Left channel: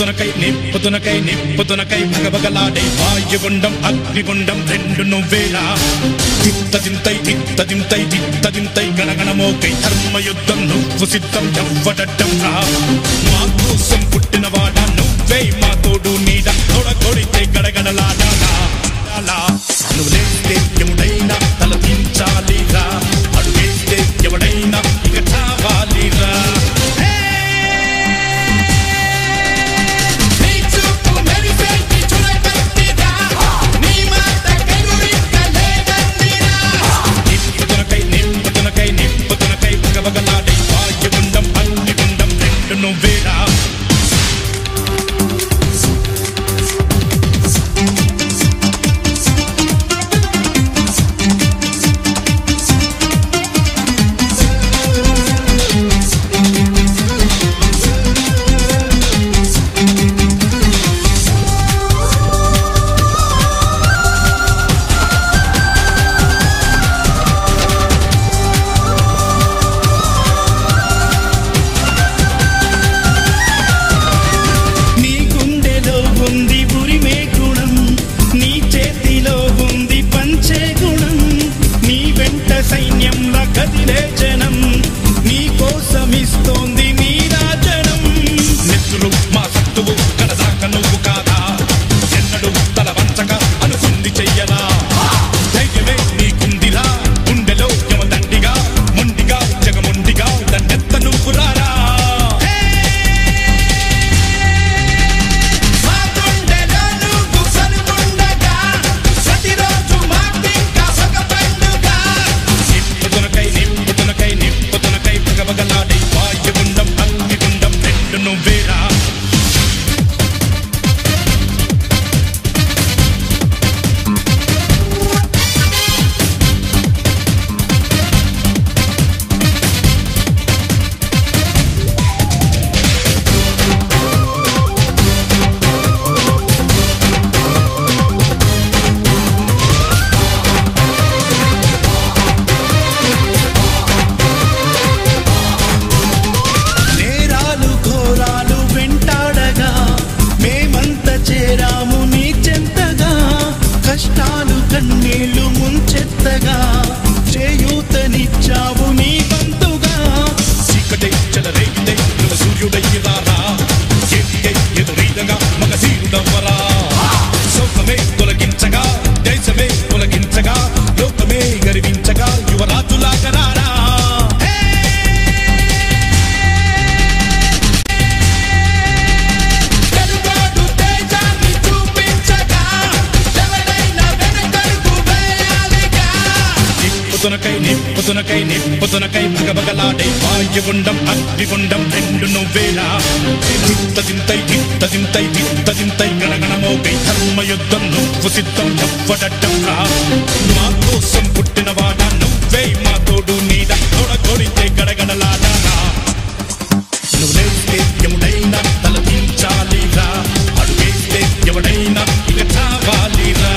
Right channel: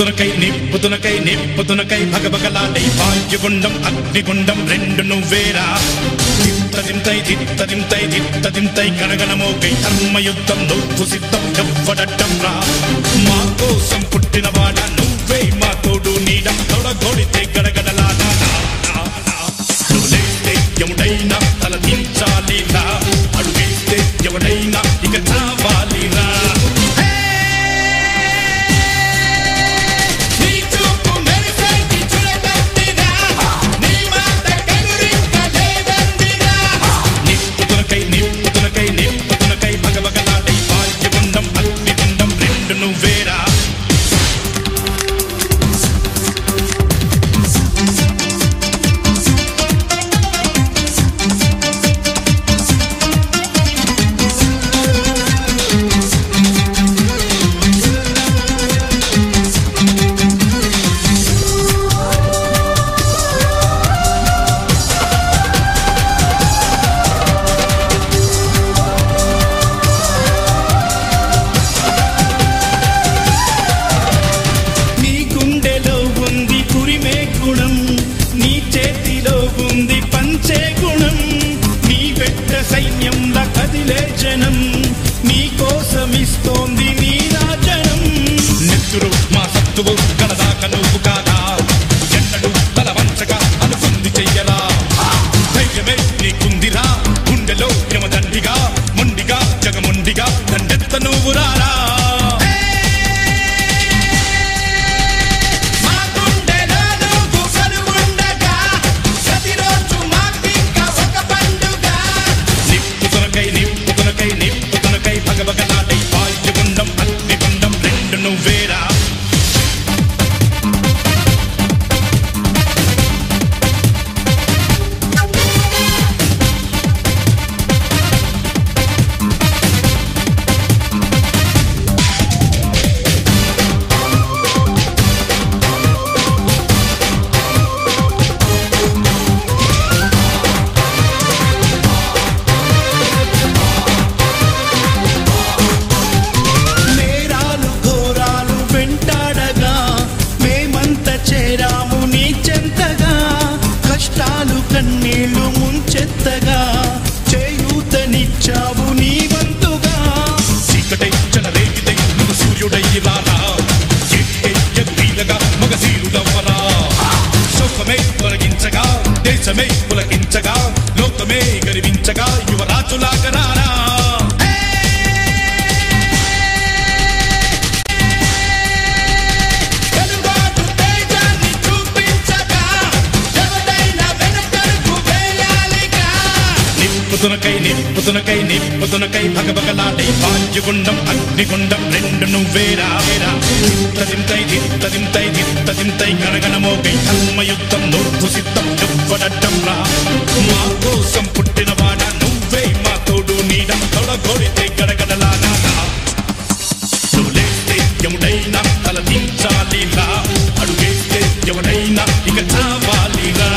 నిప్పుతునకై భగభగలాడే వాయుగుండం అగ్నిగుండం రెండు నువ్వేరా దిత్తదింతై గణగణమోకై ధర్మయుద్ధం నువ్వు సిద్ధం ఎవ్వడట్టం రా మా కోసం పుట్టినవాడా నువ్వే మా తోడు నీడ తొడగొడితే గడగడలాడారా నువ్వులేస్తే ఎవడైనా తల దించాలిరా అడుగేస్తే ఎవడైనా ఇక చావాలిరా నిప్పుతునకై భగభగలాడే వాయుగుండం అగ్నిగుండం రెండు నువ్వేరా నీ చేతిలో ఉంది పంచే గుణం నీ వెంట సైన్యంలా కదిలే జనం నీ కోసమిస్తోంది నీ రాజనం నెత్తురు మా సత్తువు కలదాక నువ్వు కాదా ఎన్నడు తల వంచగా అనుకుంది చెయ్యరా ధైర్యమే నీకుందిరా గుండెలో యమదండిగా మొండిగా జగముండిగా దండెత్త నువ్వు రారా నిప్పుతునకై భగభగలాడే వాయుగుండం అగ్నిగుండం రెండు నువ్వేరా చేరాము నీ చెంతగా కష్టాలు కన్నీళ్లు ముంచెత్తగా చేయూతనిచ్చావు నీ వంతుగా చీకటై చెలరేగితే నువ్వు సూర్యుడయ్యిరారా ఎదురీదగా మగధీరుడవ్వరా సౌఖమే తొలగించగా దేశమే తొలగించగా లోకమే గర్వించగా యువరాజులాగరారా నిప్పుతునకై భగభగలాడే వాయుగుండం అగ్నిగుండం రెండు నువ్వేరా దిత్తదింతై గణగణమోకై ధర్మయుద్ధం నువ్వు సిద్ధం ఎవ్వడట్టం రా మా కోసం పుట్టినవాడా నువ్వే మా తోడు నీడ తొడగొడితే గడగడలాడారా నువ్వులేస్తే ఎవడైనా తల దించాలిరా అడుగేస్తే ఎవడైనా ఇక చావాలిరా